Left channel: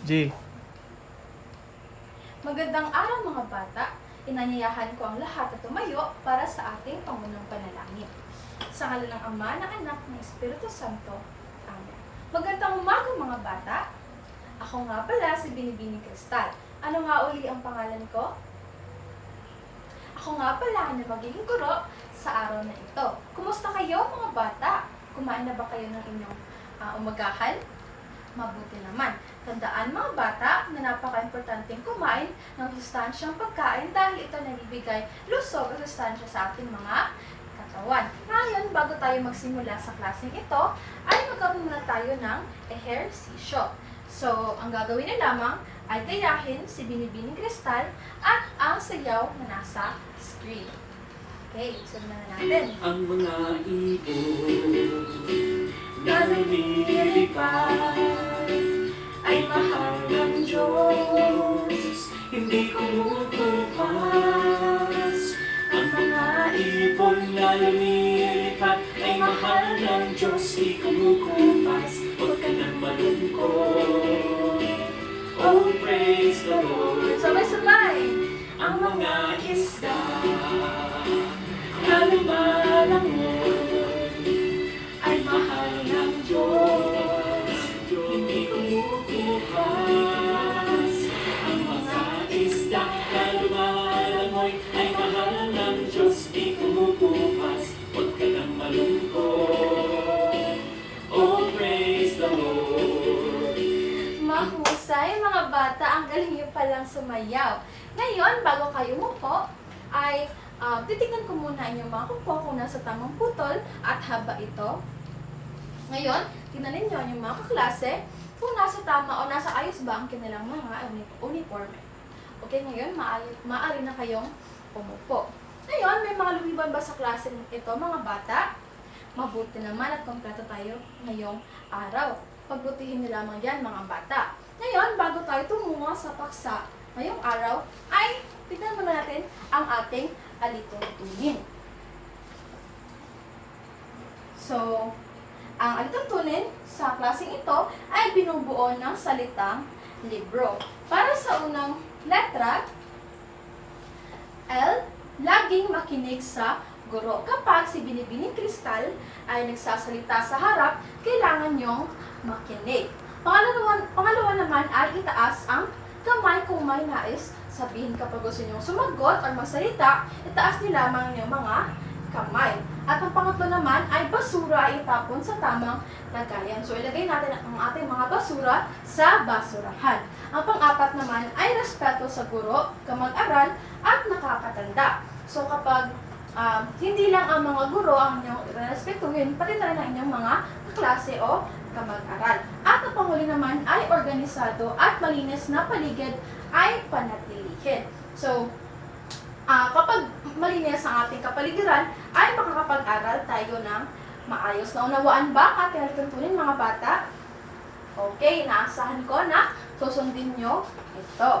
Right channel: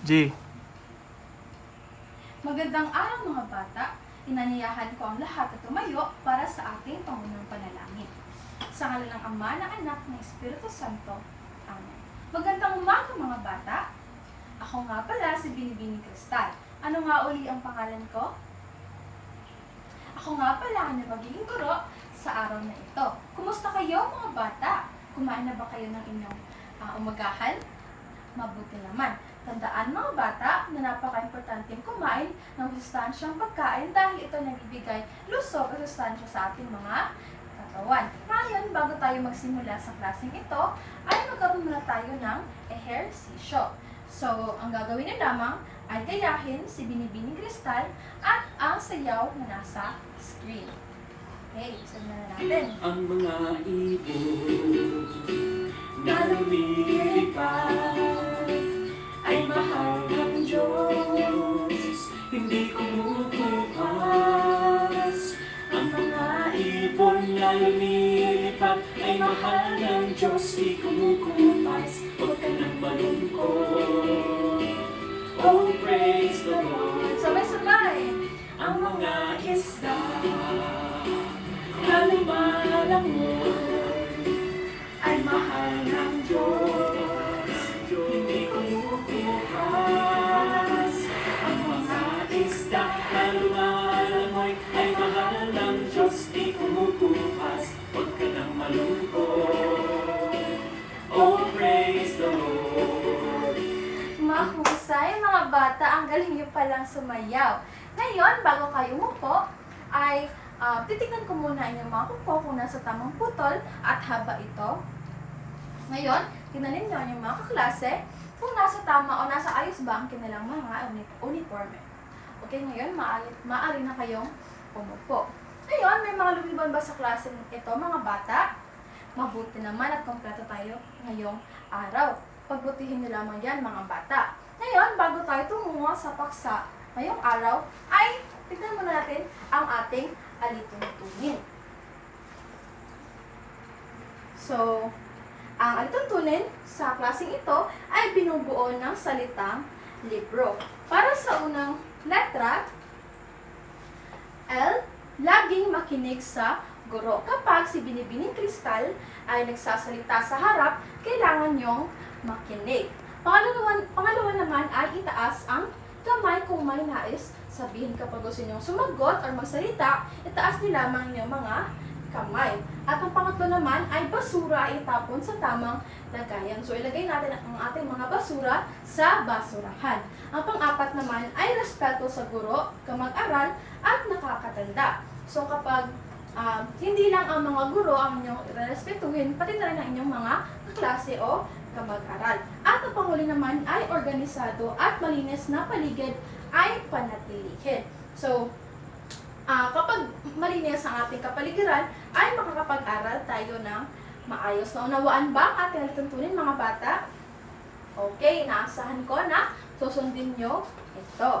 G. Magandang araw mga bata. Inanyayahan ko ang lahat na tumayo para sa ating pangunang panalangin. Sa ngalan ng Ama, ng Anak, ng Espiritu Santo. Amen. Magandang umaga mga bata. Ako nga pala si Binibining Cristal. Ano nga uli ang pangalan ko? Ako nga pala na magiging guro sa araw na ito. Kumusta kayo mga bata? Kumain na ba kayo ng inyong umagahan? Mabuti naman. Tandaan mga bata na napaka-importanteng kumain ng sustansyang pagkain dahil ito nagbibigay lusog at sustansya sa ating mga katawan. Ngayon, bago tayo magsimula sa klaseng ito, ay magkaroon muna tayo ng ehersisyo. So, ang gagawin na lamang ay gayahin si Binibining Cristal at ang sayaw na nasa screen. Okay, sabihin na natin. Ang mga ibon na lumilipad ay mahal ng Diyos, hindi kumukupas. Ang mga ibon na lumilipad ay mahal ng Diyos, hindi kumukupas. Huwag ka nang malungkot. Oh, praise the Lord. Sabay-sabay. Ang mga isda na lumalangoy ay mahal ng Diyos, hindi kumukupas. Ang mga isda na lumalangoy ay mahal ng Diyos, hindi kumukupas. Huwag ka nang malungkot. Oh, praise the Lord. Mahusay mga bata, ang galing niyo palang sumayaw. Ngayon, bago kayo umupo, ay titignan ko muna inyong mga kuko kung nasa tamang putol at haba ito. Ngayon, tingnan ninyo yung mga kaklase kung nasa tama o nasa ayos ba ang kanilang mga uniforme. Okay, ngayon, maaari na kayong umupo. Ngayon, may mga lumiban ba sa klase ito mga bata? Mabuti naman at kompleto tayo ngayong araw. Pagbutihin niyo lamang yan mga bata. Ngayon, bago tayo tumungo sa paksa ngayong araw, ay tignan muna natin ang ating alituntunin. So, ang alituntunin sa klaseng ito ay binubuo ng salitang libro. Para sa unang letra, L, laging makinig sa guro. Kapag si Binibining Cristal ay nagsasalita sa harap, kailangan niyong makinig. Pangalawa naman ay itaas ang kamay kung may nais sabihin. Kapag gusto niyong sumagot or magsalita, itaas niyo lamang yung mga kamay. At ang pangatlo naman ay basura ay itapon sa tamang lagayan. So ilagay natin ang ating mga basura sa basurahan. Ang pang-apat naman ay respeto sa guro, kamag-aral at nakakatanda. So kapag hindi lang ang mga guro ang inyong respetuhin, pati na rin ang inyong mga klase o kamag-aral. At ang panghuli naman ay organisado at malinis na paligid ay panatilihin. So, kapag malinis ang ating kapaligiran, ay makakapag-aral tayo ng maayos. Naunawaan ba ang ating alituntunin mga bata? Okay, inaasahan ko na susundin nyo ito.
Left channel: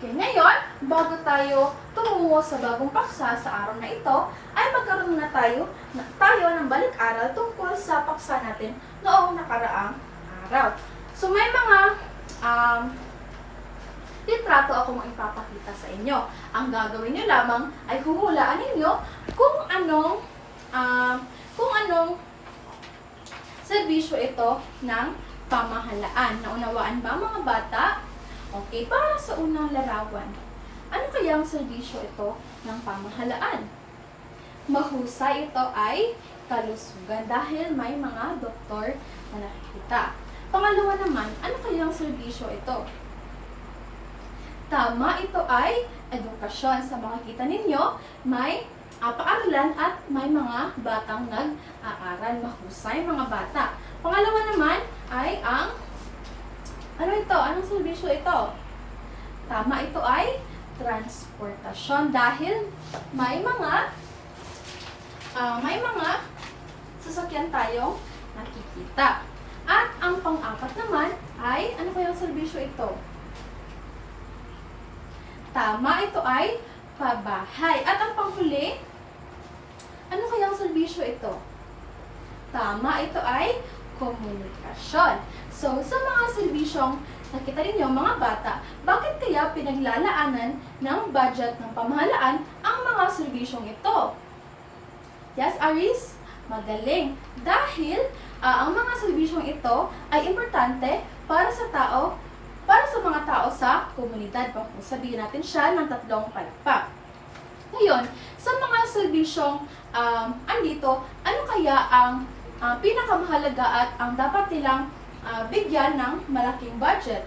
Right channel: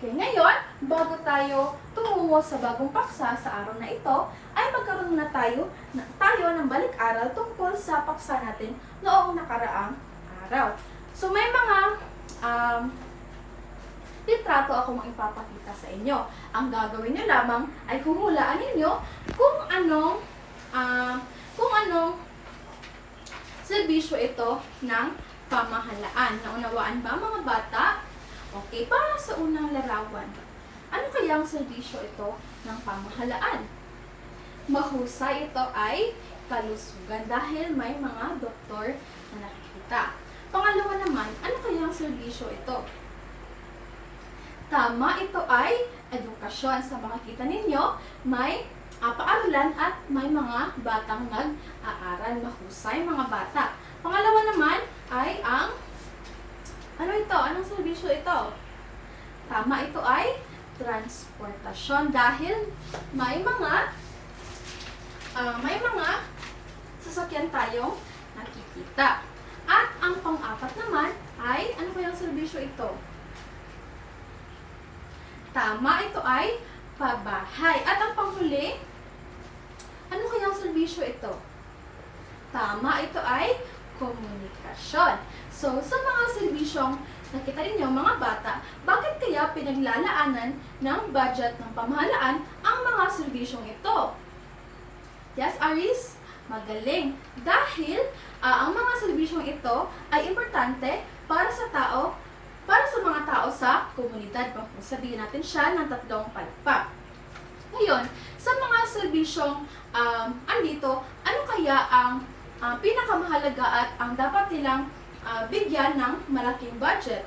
Okay, ngayon, bago tayo tumungo sa bagong paksa sa araw na ito, ay magkaroon na tayo ng balik-aral tungkol sa paksa natin noong nakaraang araw. So, may mga litrato akong ipapakita sa inyo. Ang gagawin nyo lamang ay huhulaan ninyo kung anong serbisyo ito ng pamahalaan. Naunawaan ba mga bata? Okay, para sa unang larawan, ano kayang serbisyo ito ng pamahalaan? Mahusay, ito ay kalusugan dahil may mga doktor na nakikita. Pangalawa naman, ano kayang serbisyo ito? Tama, ito ay edukasyon. Sa makikita ninyo, may paaralan at may mga batang nag-aaral. Mahusay mga bata. Pangalawa naman ay ang ano ito? Anong serbisyo ito? Tama, ito ay transportasyon dahil may mga sasakyan tayong nakikita. At ang pang-apat naman ay ano kayang serbisyo ito? Tama, ito ay pabahay. At ang panghuli, ano kayang serbisyo ito? Tama, ito ay komunikasyon. So, sa mga serbisyong nakita ninyo mga bata, bakit kaya pinaglalaanan ng budget ng pamahalaan ang mga serbisyong ito? Yes, Aris? Magaling. Dahil ang mga serbisyong ito ay importante para sa tao, para sa mga tao sa komunidad. Sabihin natin siya ng 3 palakpak. Ngayon, sa mga serbisyong andito, ano kaya ang pinakamahalaga at ang dapat nilang bigyan ng malaking budget?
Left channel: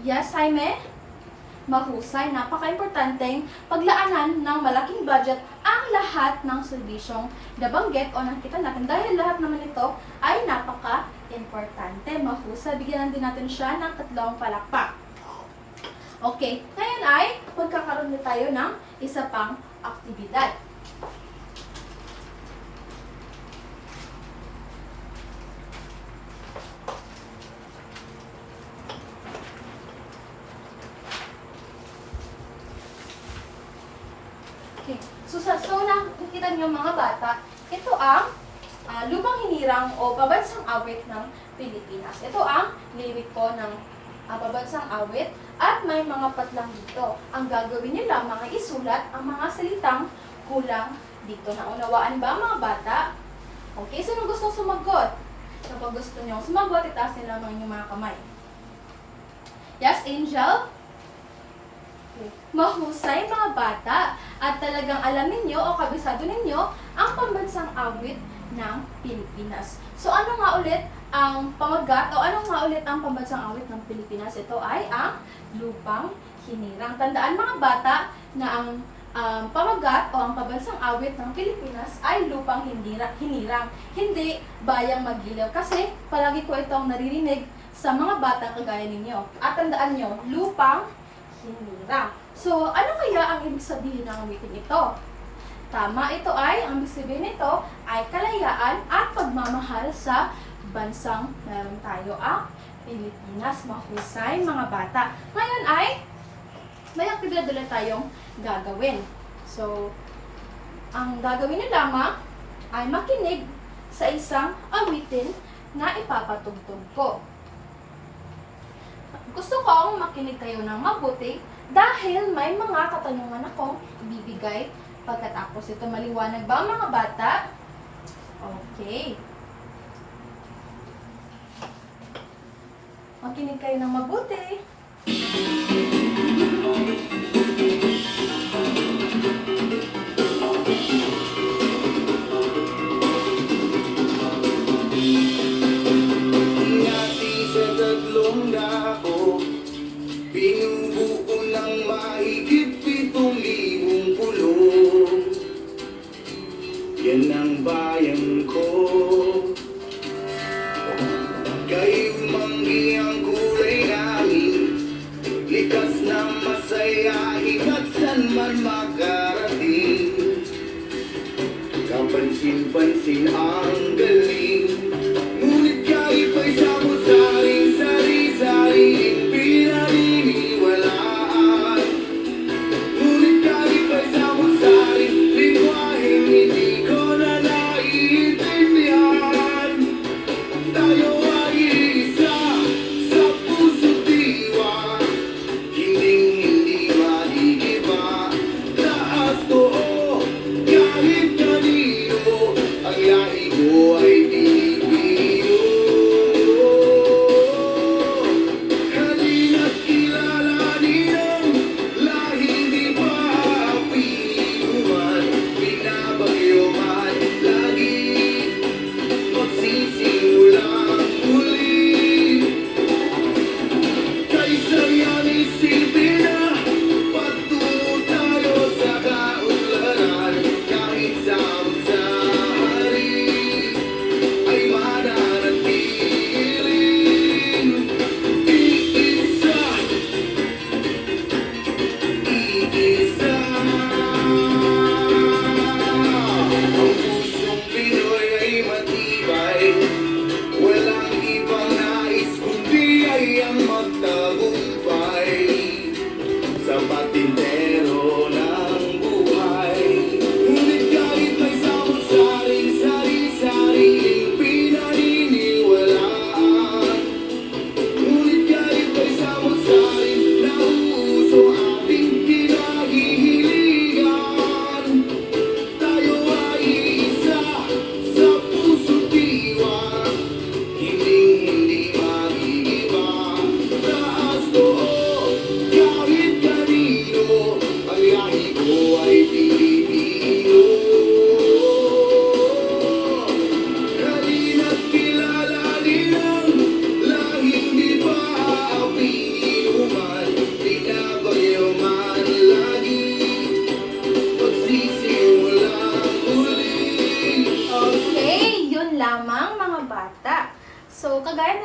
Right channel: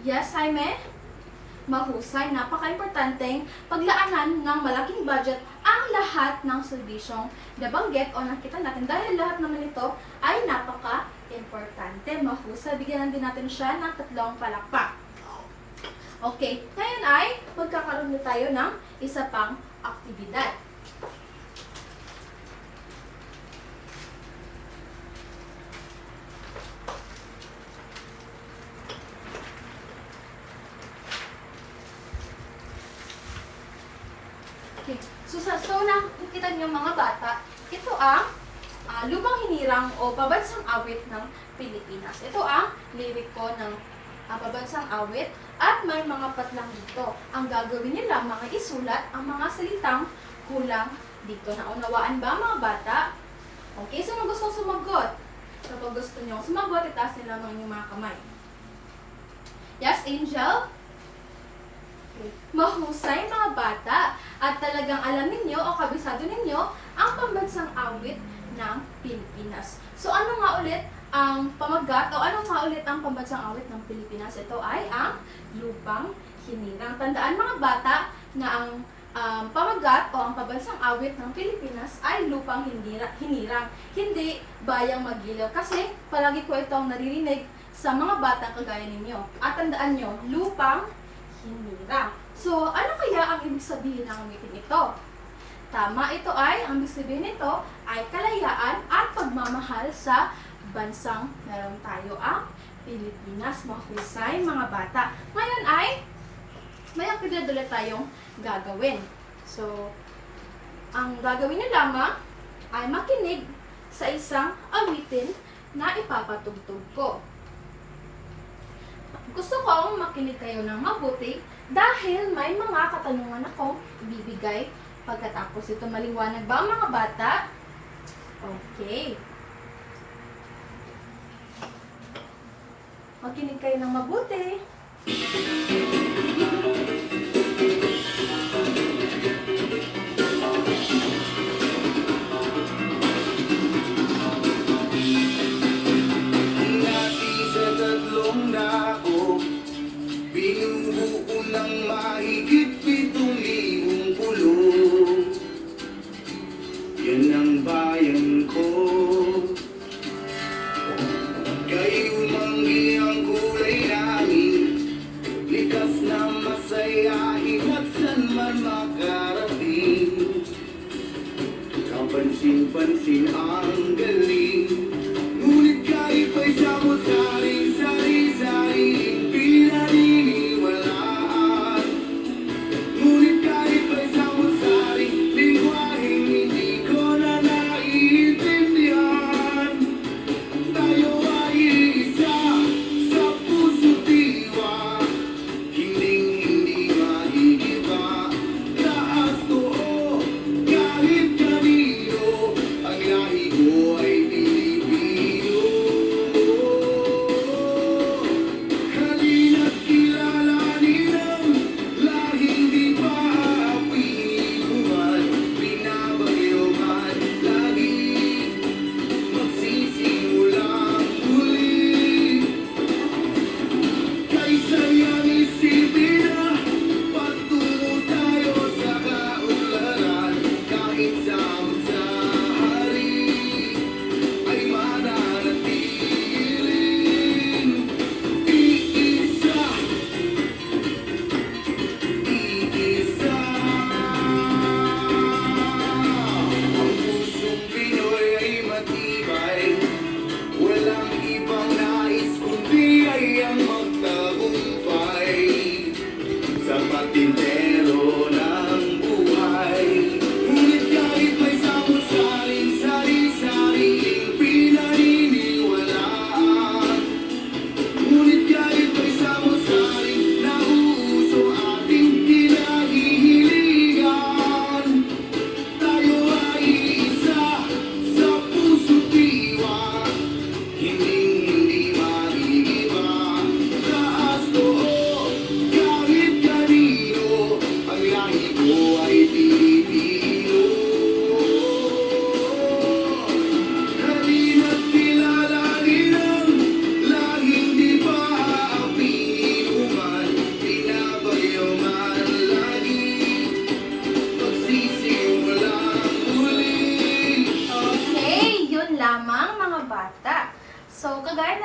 Yes, Jaime? Mahusay, napaka-importanteng paglaanan ng malaking budget ang lahat ng serbisyong nabanggit o nakita natin dahil lahat naman ito ay napaka-importante. Mahusay, bigyan din natin siya ng 3 palakpak. Okay, ngayon ay magkakaroon na tayo ng isa pang aktibidad. Okay. So nakikita niyo mga bata, ito ang Lubang Hinirang o Pabansang Awit ng Pilipinas. Ito ang lyric ko ng pabansang awit at may mga patlang dito. Ang gagawin niyo lamang ay isulat ang mga salitang kulang dito. Naunawaan ba mga bata? Okay, sino gusto sumagot? Kapag gusto niyo sumagot, itaas niyo lamang yung mga kamay. Yes, Angel? Mahusay mga bata at talagang alam ninyo o kabisado ninyo ang pambansang awit ng Pilipinas. So ano nga ulit ang pamagat o ano nga ulit ang pambansang awit ng Pilipinas? Ito ay ang Lupang Hinirang. Tandaan mga bata na ang pamagat o ang pambansang awit ng Pilipinas ay Lupang Hinirang. Hindi Bayang Magiliw. Kasi palagi ko itong naririnig sa mga bata kagaya ninyo. At tandaan nyo, Lupang Hinirang. So, ano kaya ang ibig sabihin ng awitin ito? Tama, ito ay, ang ibig sabihin nito ay kalayaan at pagmamahal sa bansang meron tayo ang Pilipinas. Mahusay mga bata. Ngayon ay, may aktibidad ulit tayong gagawin. So, ang gagawin niyo lamang ay makinig sa isang awitin na ipapatugtog ko. Gusto kong makinig kayo ng mabuti dahil may mga katanungan akong ibibigay pagkatapos ito. Maliwanag ba mga bata? Okay. Makinig kayo ng mabuti. Yan ang bayan ko. Kayo manggi ang kulay namin. Likha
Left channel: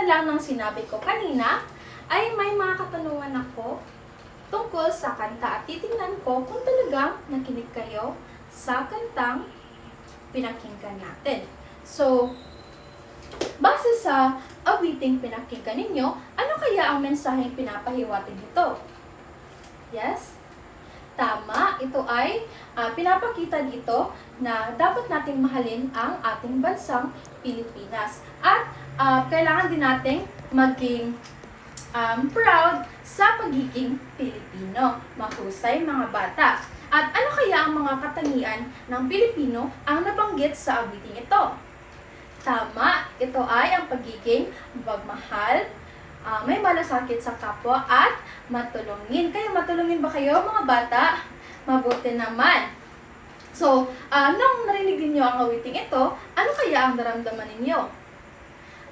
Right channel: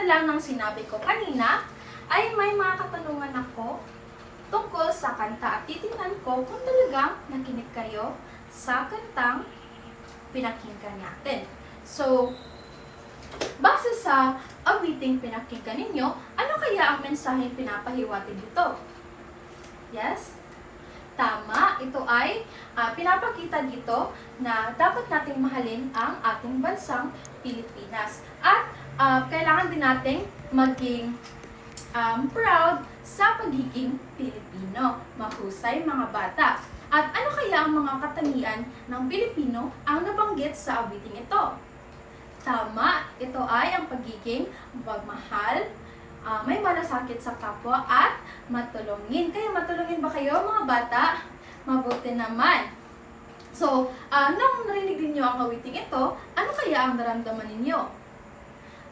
lang ng sinabi ko kanina, ay may mga katanungan ako tungkol sa kanta at titingnan ko kung talagang nakinig kayo sa kantang pinakinggan natin. So, base sa awiting pinakinggan ninyo, ano kaya ang mensaheng pinapahiwatig dito? Yes? Tama, ito ay pinapakita dito na dapat nating mahalin ang ating bansang Pilipinas. At kailangan din nating maging proud sa pagiging Pilipino. Mahusay mga bata. At ano kaya ang mga katangian ng Pilipino ang nabanggit sa awiting ito? Tama, ito ay ang pagiging magmahal, may malasakit sa kapwa at matulungin. Kaya matulungin ba kayo mga bata? Mabuti naman. So, nang narinig niyo ang awiting ito, ano kaya ang naramdaman ninyo?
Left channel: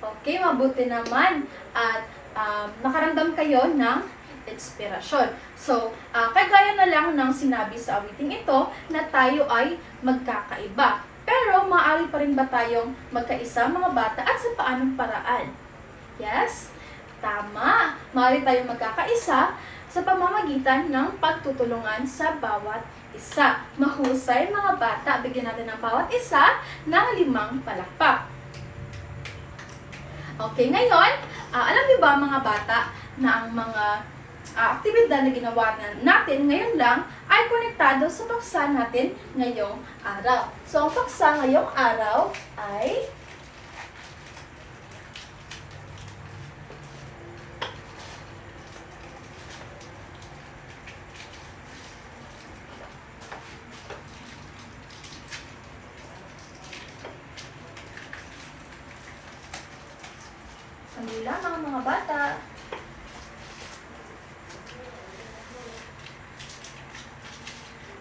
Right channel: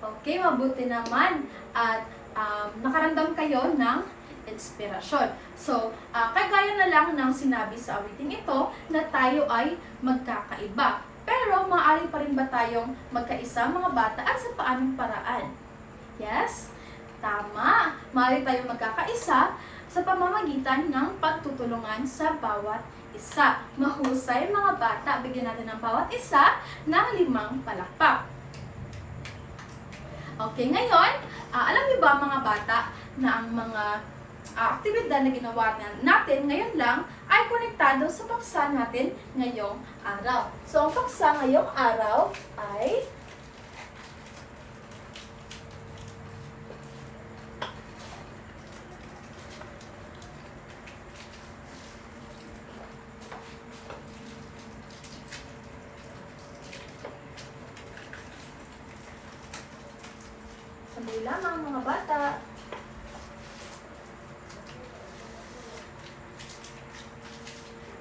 Okay, mabuti naman. At nakaramdam kayo ng inspirasyon. So, kagaya na lang ng sinabi sa awiting ito na tayo ay magkakaiba. Pero, maaari pa rin ba tayong magkaisa mga bata at sa paanong paraan? Yes? Tama! Maaari tayong magkakaisa sa pamamagitan ng pagtutulungan sa bawat isa. Mahusay mga bata, bigyan natin ng bawat isa ng 5 palakpak. Okay, ngayon, alam niyo ba mga bata na ang mga aktibidad na ginawa natin ngayon lang ay konektado sa paksa natin ngayong araw. So, ang paksa ngayong araw ay sandali lamang mga bata.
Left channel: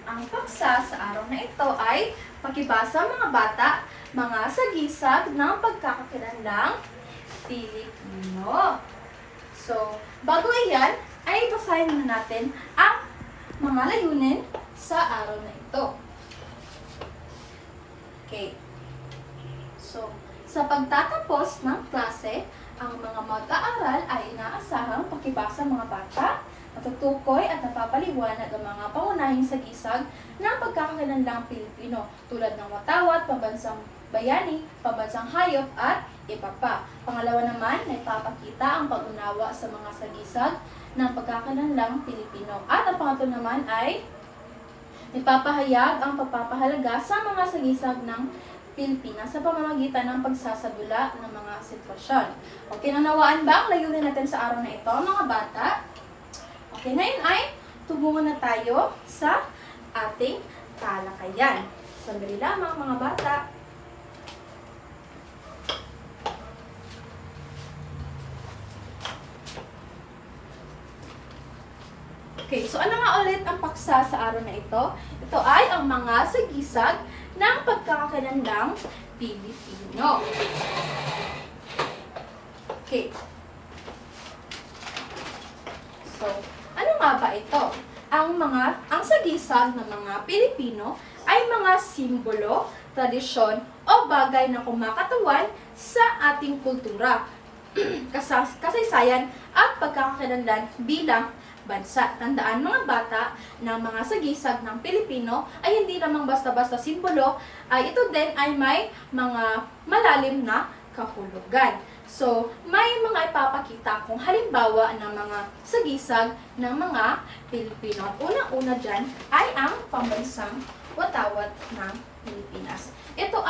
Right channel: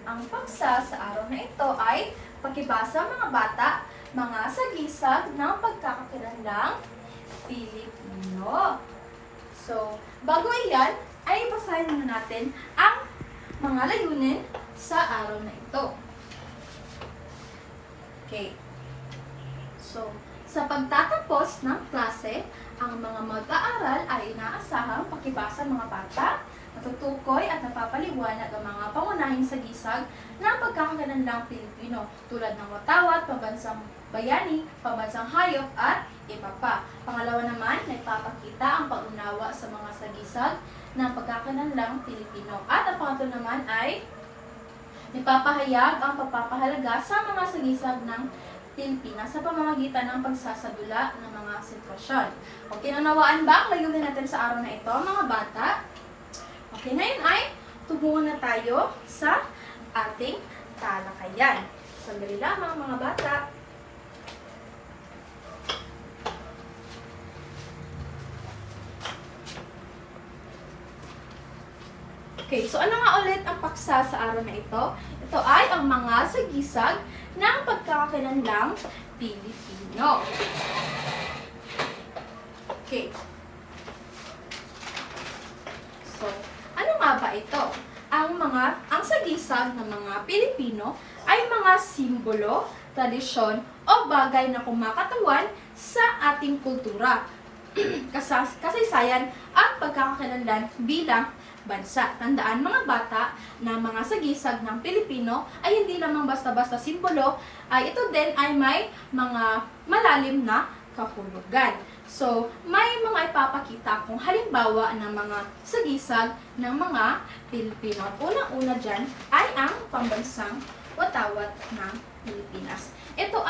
Ang paksa sa araw na ito ay pakibasa mga bata, mga sagisag ng pagkakakilanlang Pilipino. So, bago iyan, ay basahin na natin ang mga layunin sa araw na ito. Okay. So, sa pagtatapos ng klase, ang mga mag-aaral ay inaasahang pakibasa mga bata, natutukoy at napapaliwanag ang mga pangunahing sagisag ng pagkakakilanlang Pilipino tulad ng watawat, pambansang bayani, pambansang hayop at iba pa. Pangalawa naman, nagpapakita ang pag-unawa sa mga sagisag ng pagkakakilanlang Pilipino. At ang pangatlo naman ay nagpapahayag ang pagpapahalaga sa mga sagisag ng Pilipinas sa pamamagitan ng pagsasadula ng mga sitwasyon. Okay, nanawaan ba ang layunin natin sa araw na ito, mga bata? Okay, ngayon ay tumungo na tayo sa ating talakayan. Sandali lamang mga bata. Okay, so ano nga ulit ang paksa sa araw na ito? Ito ay ang mga sagisag ng pagkakakilanlang Pilipino. Okay. So, ano nga ba ito? Ang sagisag ng mga Pilipino ay mga simbolo, tradisyon, o bagay na kumakatawan sa ating kultura, kasaysayan at pagkakakilanlan bilang bansa. Tandaan mga bata na mga sagisag ng Pilipino ay hindi lamang basta-basta simbolo, ay ito din ay may mga malalim na kahulugan. So, may mga ipapakita kung halimbawa ng mga sagisag ng mga Pilipino. At unang-una dyan ay ang pambansang watawat ng Pilipinas. Ito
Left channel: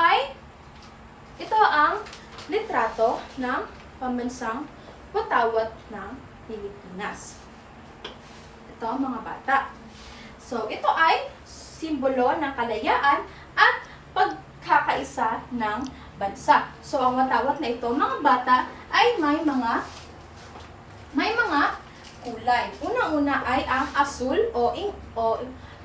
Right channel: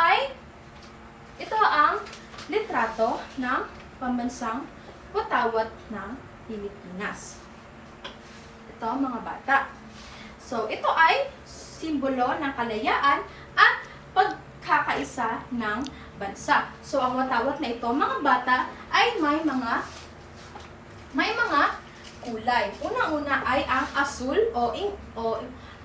ang litrato ng pambansang watawat ng Pilipinas. Ito mga bata. So, ito ay simbolo ng kalayaan at pagkakaisa ng bansa. So, ang watawat na ito, mga bata, ay may mga kulay. Una-una ay ang asul o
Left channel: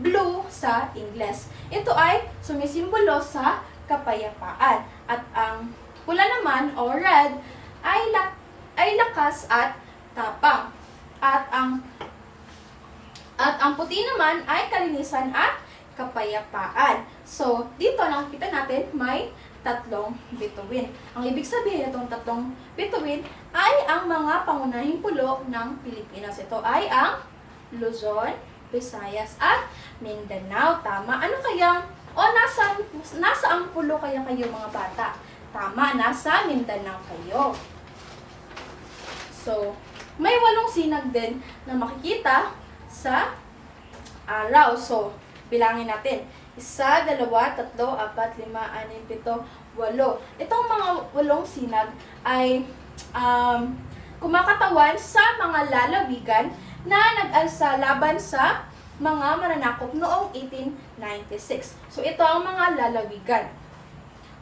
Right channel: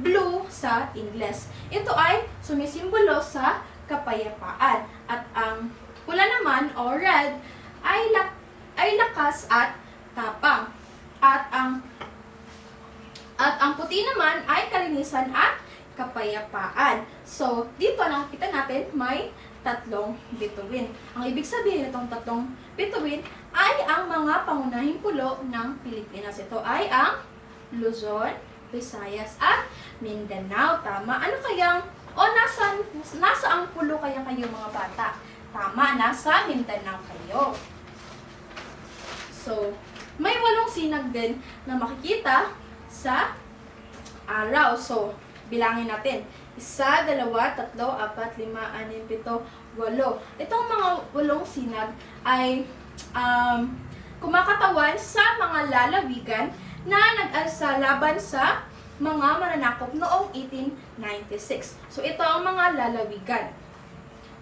blue sa Ingles. Ito ay sumisimbolo sa kapayapaan. At ang pula naman o red ay lakas at tapang. At ang puti naman ay kalinisan at kapayapaan. So, dito nakikita natin may tatlong bituin. Ang ibig sabihin itong tatlong bituin ay ang mga pangunahing pulo ng Pilipinas. Ito ay ang Luzon, Visayas, at Mindanao. Tama. Ano kayang, nasa ang pulo kaya kayo mga bata? Tama, nasa Mindanao kayo. So, may 8 sinag din na makikita sa araw. So, bilangin natin. 1, 2, 3, 4, 5, 6, 7, 8. Itong mga 8 sinag ay kumakatawan sa mga lalawigan na nag-alsa laban sa mga mananakop noong 1896. So, ito ang mga lalawigan.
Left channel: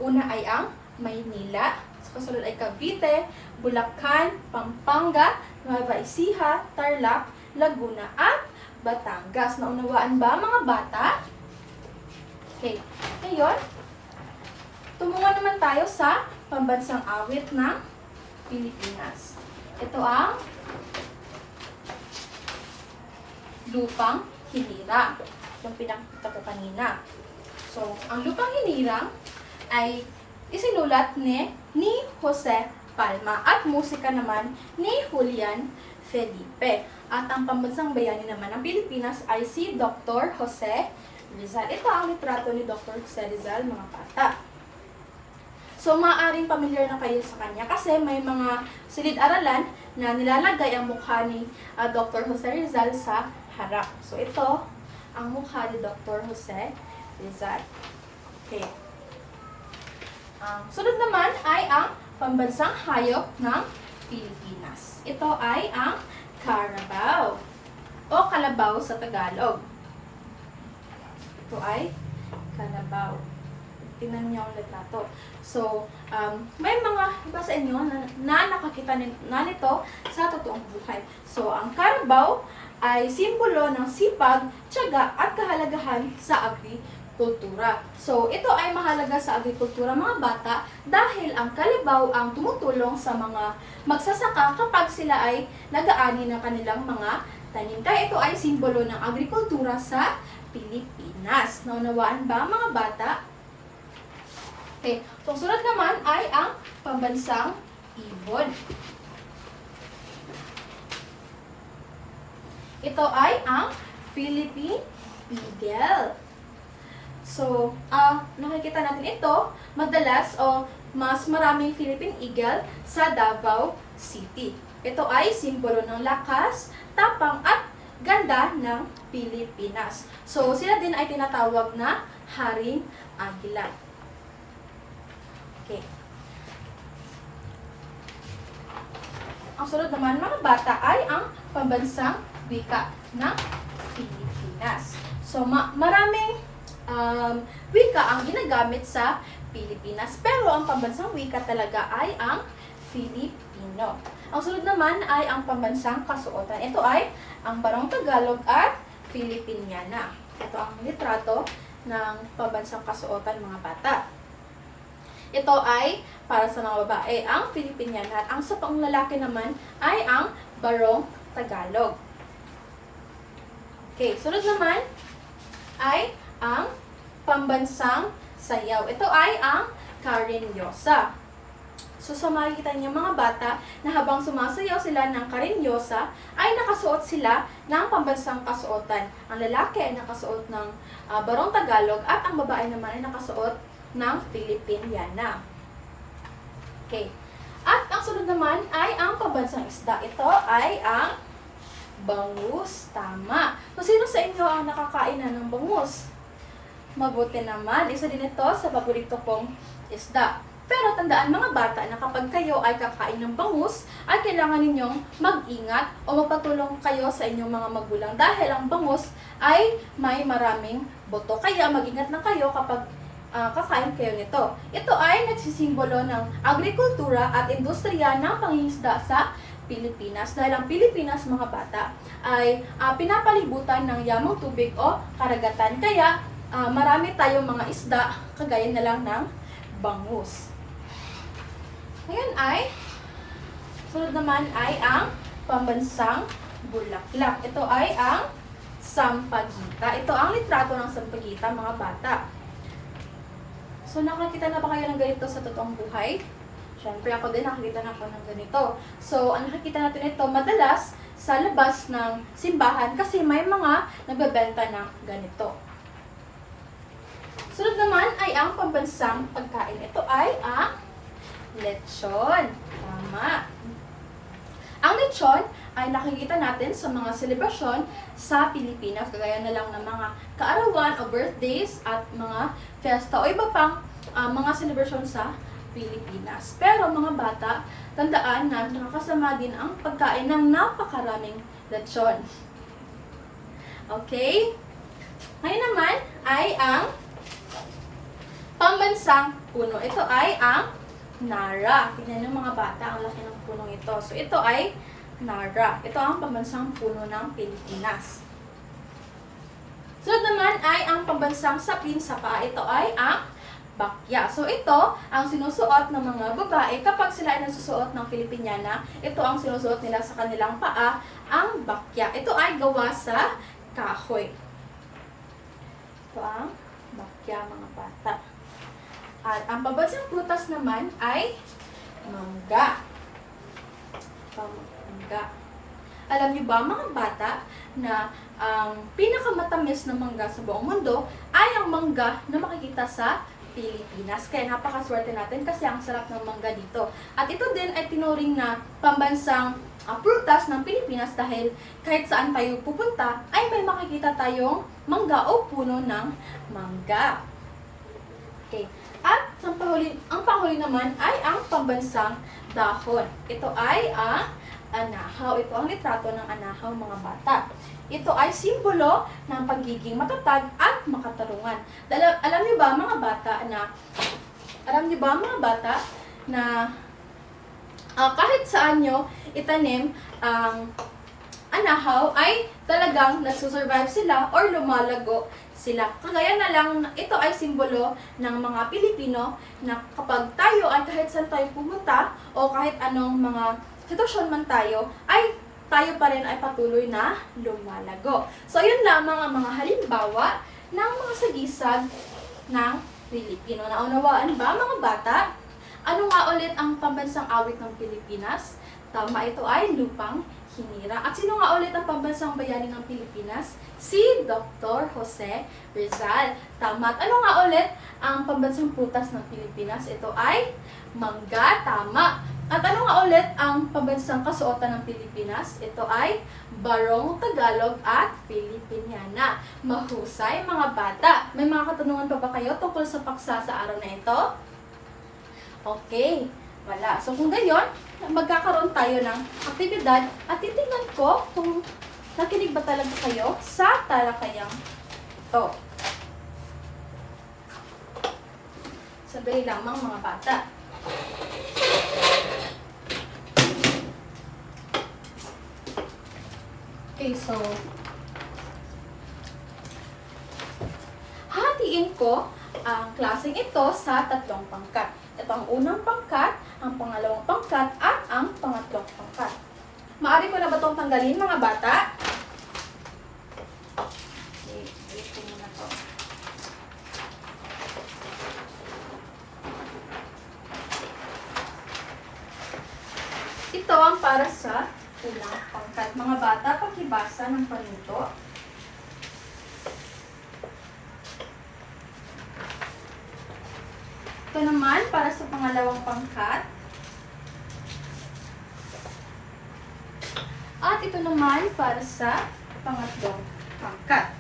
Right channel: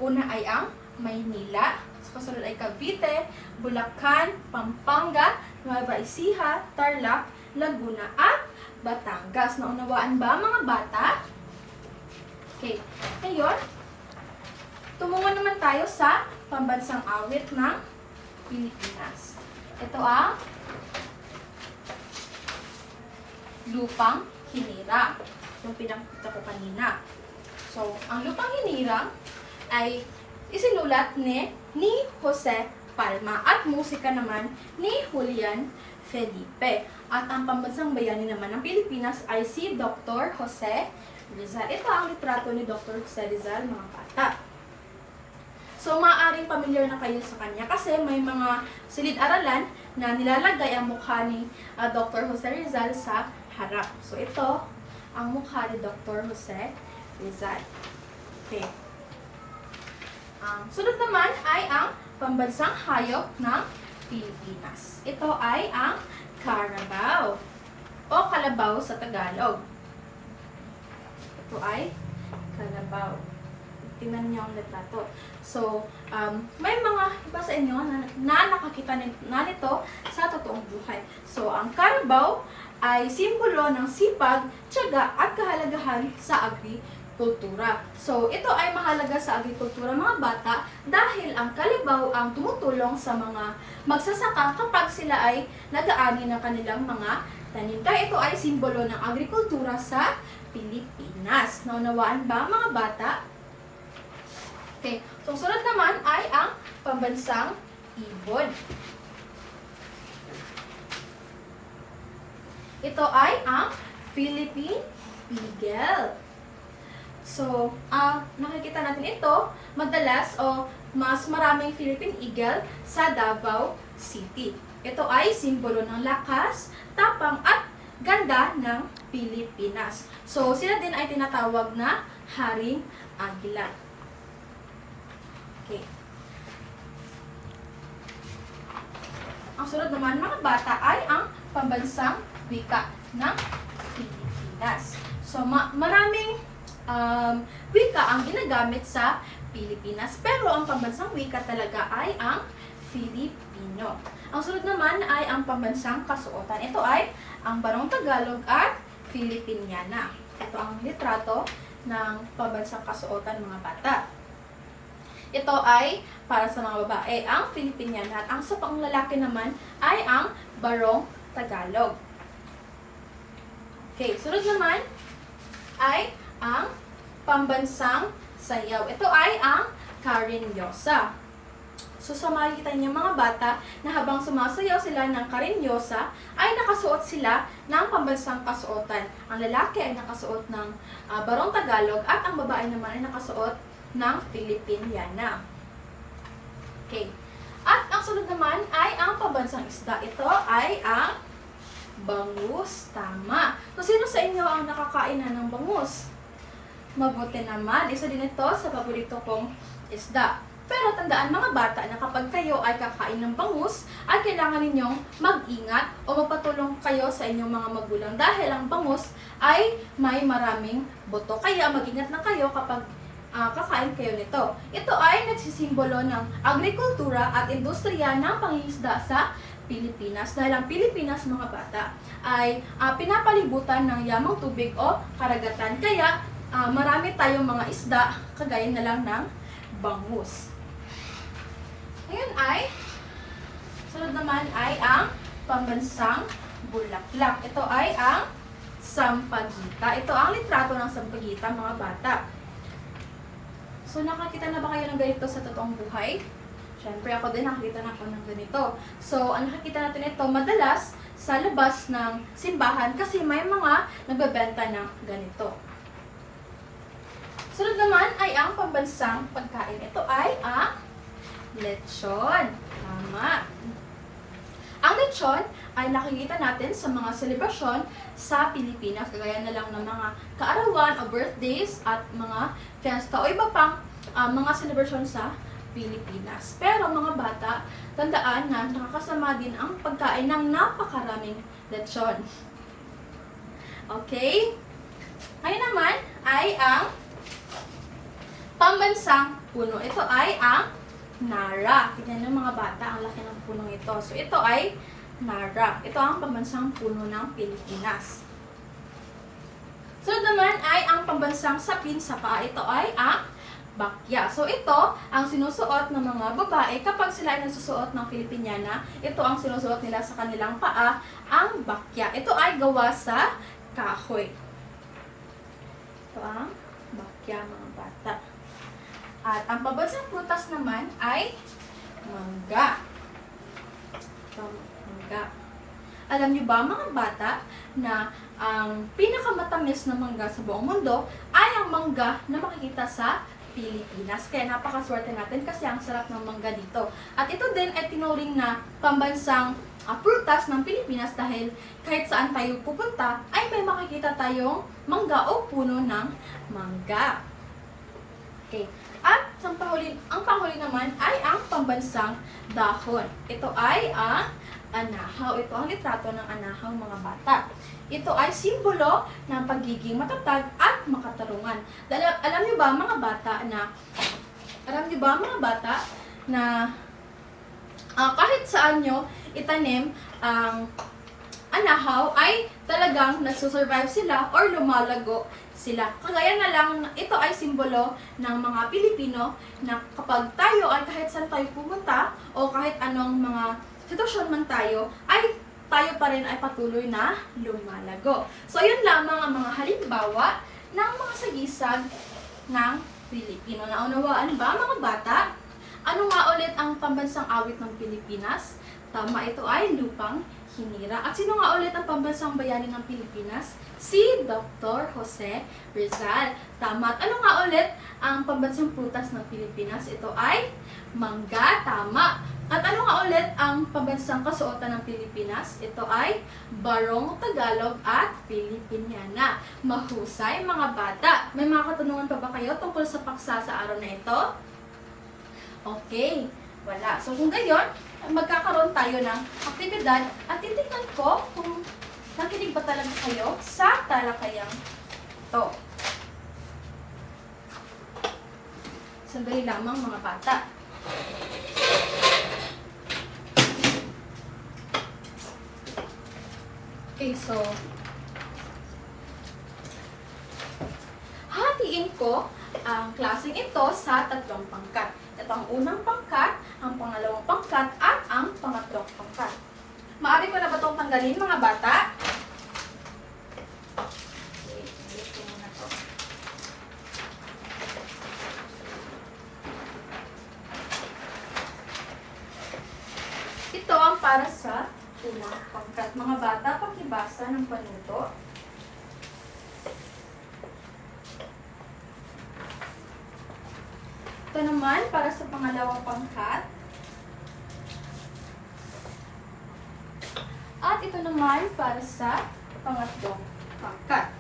Una ay ang Maynila, kasunod ay Cavite, Bulacan, Pampanga, Nueva Ecija, Tarlac, Laguna, at Batangas. Naunawaan ba mga bata? Okay. Ngayon, tumungo naman tayo sa pambansang awit ng Pilipinas. Ito ang Lupang Hinirang. Yung pinakita ko kanina. So, ang Lupang Hinirang ay isinulat ni Jose Palma at musika naman ni Julian Felipe. At ang pambansang bayani naman ng Pilipinas ay si Dr. Jose Rizal. Ito ang litrato ni Dr. Jose Rizal, mga bata. So, maaaring familiar na kayo sa kanya kasi may mga silid-aralan na nilalagay ang mukha ni Dr. Jose Rizal sa harap. So, ito ang mukha ni Dr. Jose Rizal. Okay. Sunod naman ay ang pambansang hayop ng Pilipinas. Ito ay ang Carabao o kalabaw sa Tagalog. Ito ay Carabao. Tingnan niyo ang litrato. So, may mga iba sa inyo na nakakita na nito sa totoong buhay. So, ang Carabao ay simbolo ng sipag, tiyaga at kahalagahan sa agrikultura. So, ito ay mahalaga sa agrikultura mga bata dahil ang kalabaw ang tumutulong sa mga magsasaka kapag sila ay nag-aani ng kanilang mga tanim. Kaya ito ay simbolo ng agrikultura sa Pilipinas. Naunawaan ba mga bata? Okay. So, sunod naman ay ang pambansang ibon. Ito ay ang Philippine Eagle. So, nakikita natin ito madalas o mas maraming Philippine Eagle sa Davao City. Ito ay simbolo ng lakas, tapang at ganda ng Pilipinas. So, sila din ay tinatawag na Haring Agila. Okay. Ang sunod naman mga bata ay ang pambansang wika ng Pilipinas. So, maraming wika ang ginagamit sa Pilipinas. Pero ang pambansang wika talaga ay ang Filipino. Ang sunod naman ay ang pambansang kasuotan. Ito ay ang Barong Tagalog at Filipiniana. Ito ang litrato ng pambansang kasuotan mga bata. Ito ay para sa mga babae, ang Filipiniana. At ang sa panglalaki naman ay ang Barong Tagalog. Okay, sunod naman ay ang pambansang sayaw. Ito ay ang Karinyosa. So, sa makikita niyo mga bata na habang sumasayaw sila ng Karinyosa, ay nakasuot sila ng pambansang kasuotan. Ang lalaki ay nakasuot ng Barong Tagalog at ang babae naman ay nakasuot ng Filipiniana. Okay. At ang sunod naman ay ang pambansang isda. Ito ay ang bangus. Tama. So, sino sa inyo ang nakakain na ng bangus? Mabuti naman. Isa din ito sa paborito kong isda. Pero tandaan mga bata na kapag kayo ay kakain ng bangus, ay kailangan ninyong mag-ingat o magpatulong kayo sa inyong mga magulang dahil ang bangus ay may maraming buto. Kaya mag-ingat na kayo kapag kakain kayo nito. Ito ay nagsisimbolo ng agrikultura at industriya ng pangingisda sa Pilipinas. Dahil ang Pilipinas mga bata ay pinapalibutan ng yamang tubig o karagatan. Kaya marami tayong mga isda kagaya na lang ng bangus. Ngayon ay, sunod naman ay ang pambansang bulaklak. Ito ay ang sampagita. Ito ang litrato ng sampagita mga bata. So, So, nakakita na ba kayo ng ganito sa totoong buhay? Siyempre, ako din nakakita na ako ng ganito. So, ang nakikita natin ito madalas sa labas ng simbahan kasi may mga nagbebenta ng ganito. Sunod naman ay ang pambansang pagkain. Ito ay ang lechon. Tama. Ang lechon ay nakikita natin sa mga selebrasyon sa Pilipinas, kagaya na lang ng mga kaarawan o birthdays at mga fiesta o iba pang mga selebrasyon sa Pilipinas. Pero mga bata, tandaan na nakakasama din ang pagkain ng napakaraming lechon. Okay? Ngayon naman ay ang pambansang puno. Ito ay ang Nara. Tignan ng mga bata, ang laki ng punong ito. So ito ay Nara. Ito ang pambansang puno ng Pilipinas. Sunod naman ay ang pambansang sapin sa paa. Ito ay ang bakya. So ito ang sinusuot ng mga babae kapag sila ay nagsusuot ng Filipiniana. Ito ang sinusuot nila sa kanilang paa, ang bakya. Ito ay gawa sa kahoy. Ito ang bakya, mga bata. At ang pambansang prutas naman ay mangga. Mangga. Alam niyo ba, mga bata, na ang pinakamatamis na mangga sa buong mundo ay ang mangga na makikita sa Pilipinas. Kaya napakaswerte natin kasi ang sarap ng mangga dito. At ito din ay tinuring na pambansang prutas ng Pilipinas dahil kahit saan tayo pupunta ay may makikita tayong mangga o puno ng mangga. Okay. At ang panghuli naman ay ang pambansang dahon. Ito ay ang anahaw. Ito ang litrato ng anahaw, mga bata. Ito ay simbolo ng pagiging matatag at makatarungan. Alam niyo ba mga bata na kahit saan nyo itanim ang anahaw ay talagang nagsusurvive sila or lumalago sila. Kagaya na lang, ito ay simbolo ng mga Pilipino na kapag tayo ay kahit saan tayo pumunta o kahit anong mga sitwasyon man tayo, ay tayo pa rin ay patuloy na lumalago. So, yun lamang ang mga halimbawa ng mga sagisag ng Pilipino. Naunawaan ba, mga bata? Ano nga ulit ang pambansang awit ng Pilipinas? Tama, ito ay Lupang Hinira. At sino nga ulit ang pambansang bayani ng Pilipinas? Si Dr. Jose Rizal. Tama. At ano nga ulit ang pambansang prutas ng Pilipinas? Ito ay mangga. Tama. At ano nga ulit ang pambansang kasuotan ng Pilipinas? Ito ay Barong Tagalog at Filipiniana. Mahusay, mga bata. May mga katanungan pa ba kayo tungkol sa paksa sa araw na ito? Okay, wala. So kung gayon, magkakaroon tayo ng aktibidad at titingnan ko kung nakinig ba talaga kayo sa talakayang ito. Sandali lamang, mga bata. Okay, so hatiin ko ang klaseng ito sa tatlong pangkat. Ito ang unang pangkat, ang pangalawang pangkat, at ang pangatlong pangkat. Maaari ko na ba itong tanggalin, mga bata? Okay, wait ko muna to. Ito ang para sa unang pangkat. Mga bata, pakibasa ng panuto. Ito naman para sa pangalawang pangkat. At ito naman para sa pangatlong pangkat.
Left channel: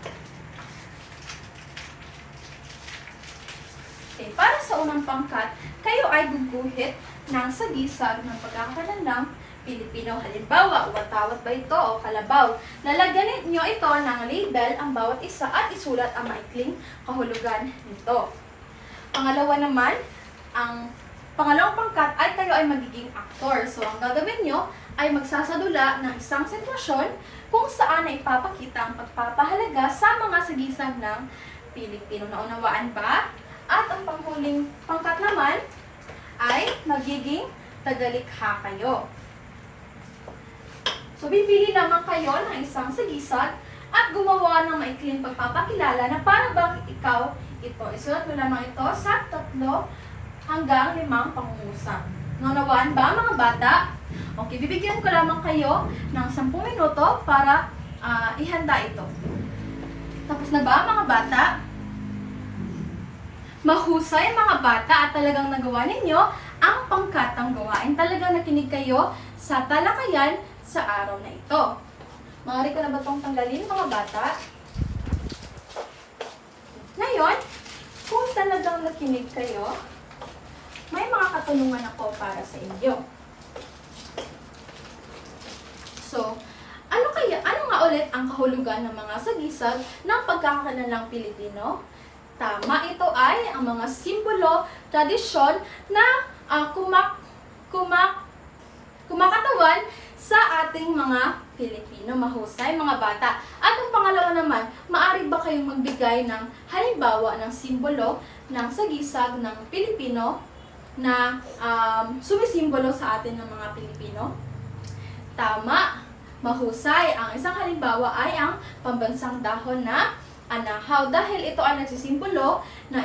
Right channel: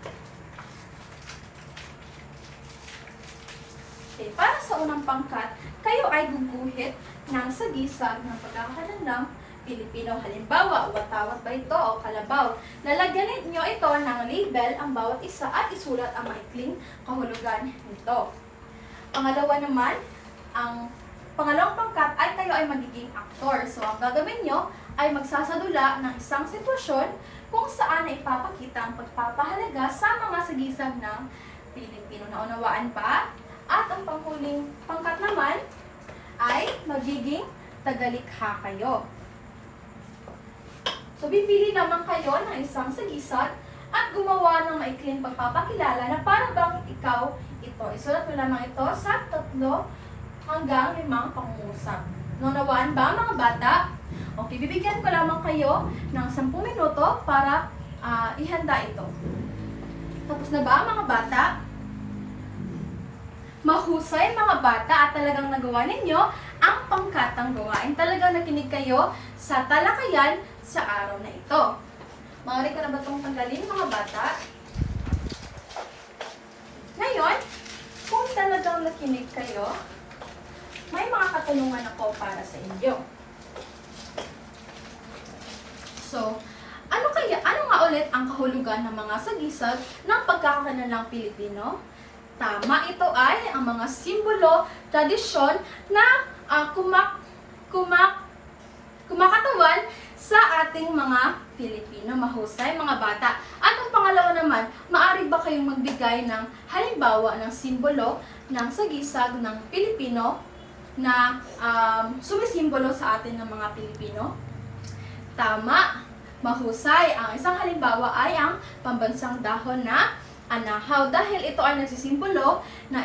Okay, para sa unang pangkat, kayo ay guguhit ng sagisag ng pagkakalanlang Pilipino. Halimbawa, watawat ba ito o kalabaw? Lalagyan niyo ito ng label ang bawat isa at isulat ang maikling kahulugan nito. Pangalawa naman, ang pangalawang pangkat ay kayo ay magiging aktor. So, ang gagawin nyo ay magsasadula ng isang sitwasyon kung saan ay ipapakita ang pagpapahalaga sa mga sagisag ng Pilipino. Naunawaan ba? At ang panghuling pangkat naman ay magiging tagalikha kayo. So, bibili naman kayo ng isang sagisag at gumawa ng maikling pagpapakilala na para bang ikaw ito. Isulat mo lamang ito sa 3 hanggang 5 pangungusap. Naunawaan ba mga bata? Okay, bibigyan ko lamang kayo ng 10 minuto para ihanda ito. Tapos na ba mga bata? Mahusay mga bata at talagang nagawa ninyo ang pangkatang gawain. Talagang nakinig kayo sa talakayan sa araw na ito. Maaari ko na ba itong tanggalin mga bata? Ngayon, kung talagang nakinig kayo, may mga katanungan ako para sa inyo. So, ano nga ulit ang kahulugan ng mga sagisag ng pagkakakanalang Pilipino? Tama, ito ay ang mga simbolo, tradisyon na kumakatawan sa ating mga Pilipino. Mahusay, mga bata. At ang pangalawa naman, maaari ba kayong magbigay ng halimbawa ng simbolo ng sagisag ng Pilipino na sumisimbolo sa atin ng mga Pilipino? Tama, mahusay. Ang isang halimbawa ay ang pambansang dahon na anahaw. Dahil ito ay nagsisimbolo na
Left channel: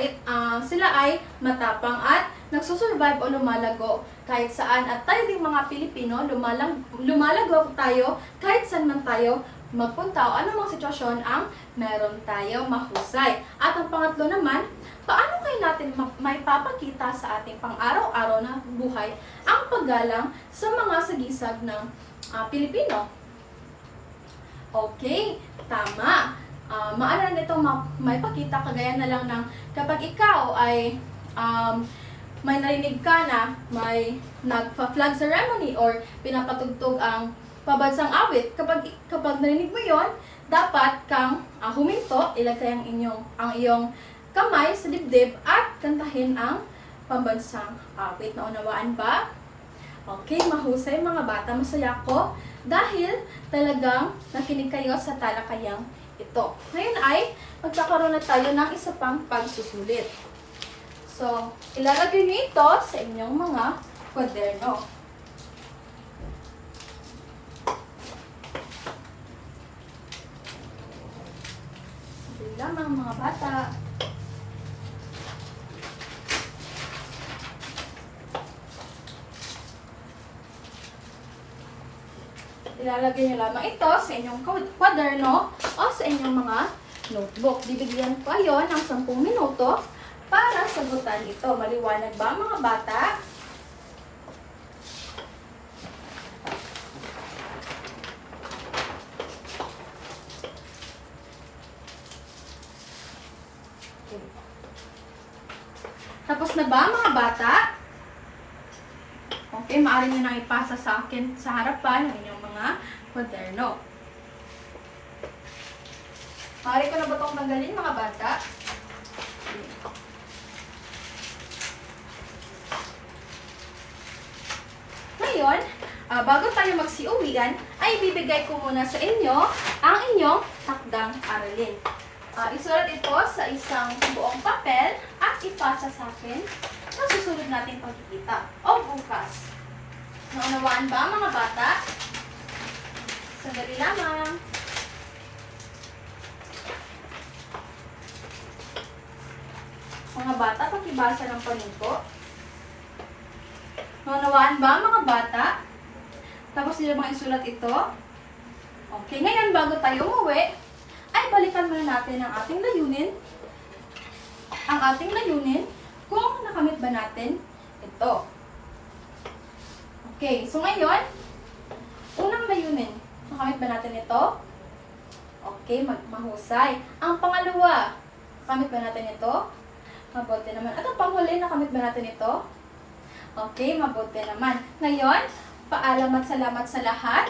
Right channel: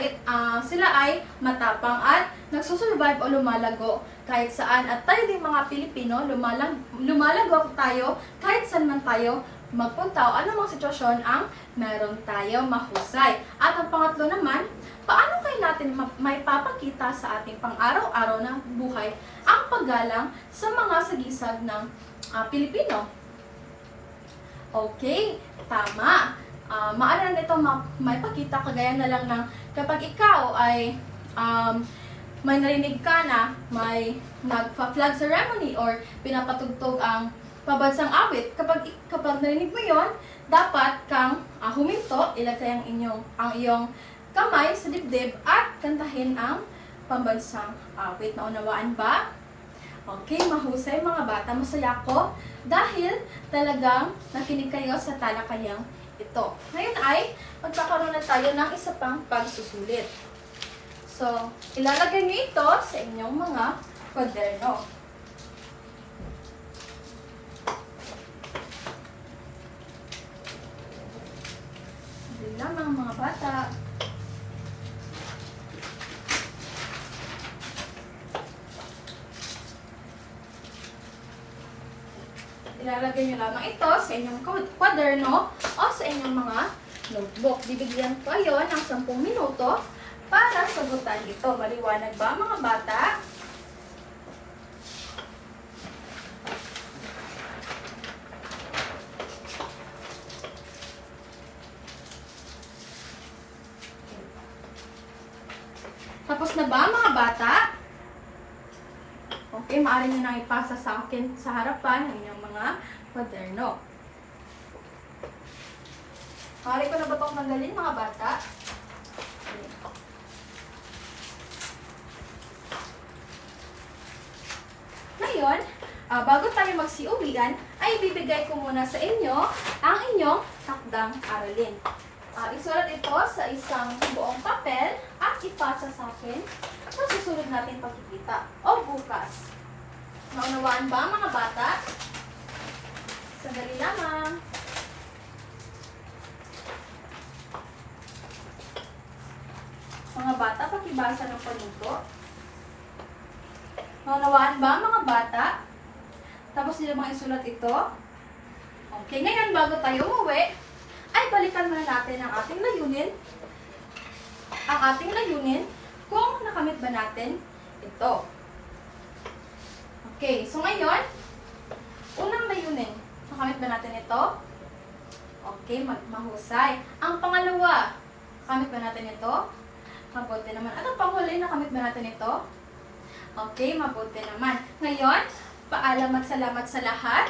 sila ay matapang at nagsusurvive o lumalago kahit saan. At tayo din mga Pilipino, lumalago tayo kahit saan man tayo magpunta o anumang sitwasyon ang meron tayo. Mahusay. At ang pangatlo naman, paano kaya natin maipapakita sa ating pang-araw-araw na buhay ang paggalang sa mga sagisag ng Pilipino? Okay, tama. Maaari nito maipakita kagaya na lang ng kapag ikaw ay may narinig ka na may nagpa-flag ceremony or pinapatugtog ang pabansang awit. Kapag narinig mo yon, dapat kang huminto, ilagay ang iyong kamay sa dibdib at kantahin ang pambansang awit. Naunawaan ba? Okay, mahusay mga bata. Masaya ko dahil talagang nakinig kayo sa talakayang ito. Ngayon ay magkakaroon na tayo ng isa pang pagsusulit. So, ilalagay niyo ito sa inyong mga kwaderno. Hindi lamang mga bata. Ilalagay niyo lamang ito sa inyong kwaderno o sa inyong mga notebook. Bibigyan ko kayo ng 10 minuto para sagutan ito. Maliwanag ba mga bata? Tapos na ba mga bata? Okay, maaari nyo nang ipasa sa akin sa harapan ng inyong mga kwaderno. Maaari ko na ba itong tanggalin mga bata? Okay. Ngayon, bago tayo magsiuwian, ay bibigay ko muna sa inyo ang inyong takdang aralin. Isulat ito sa isang buong papel at ipasa sa akin sa susunod natin pagkikita o bukas. Naunawaan ba mga bata? Sandali lamang. Mga bata, pakibasa ng panuto. Naunawaan ba mga bata? Tapos nila mga isulat ito. Okay, ngayon bago tayo umuwi, ay balikan muna natin ang ating layunin. Ang ating layunin kung nakamit ba natin ito. Okay, so ngayon, unang layunin, nakamit ba natin ito? Okay, mahusay. Ang pangalawa, nakamit ba natin ito? Mabuti naman. At ang panghuli, nakamit ba natin ito? Okay, mabuti naman. Ngayon, paalam at salamat sa lahat.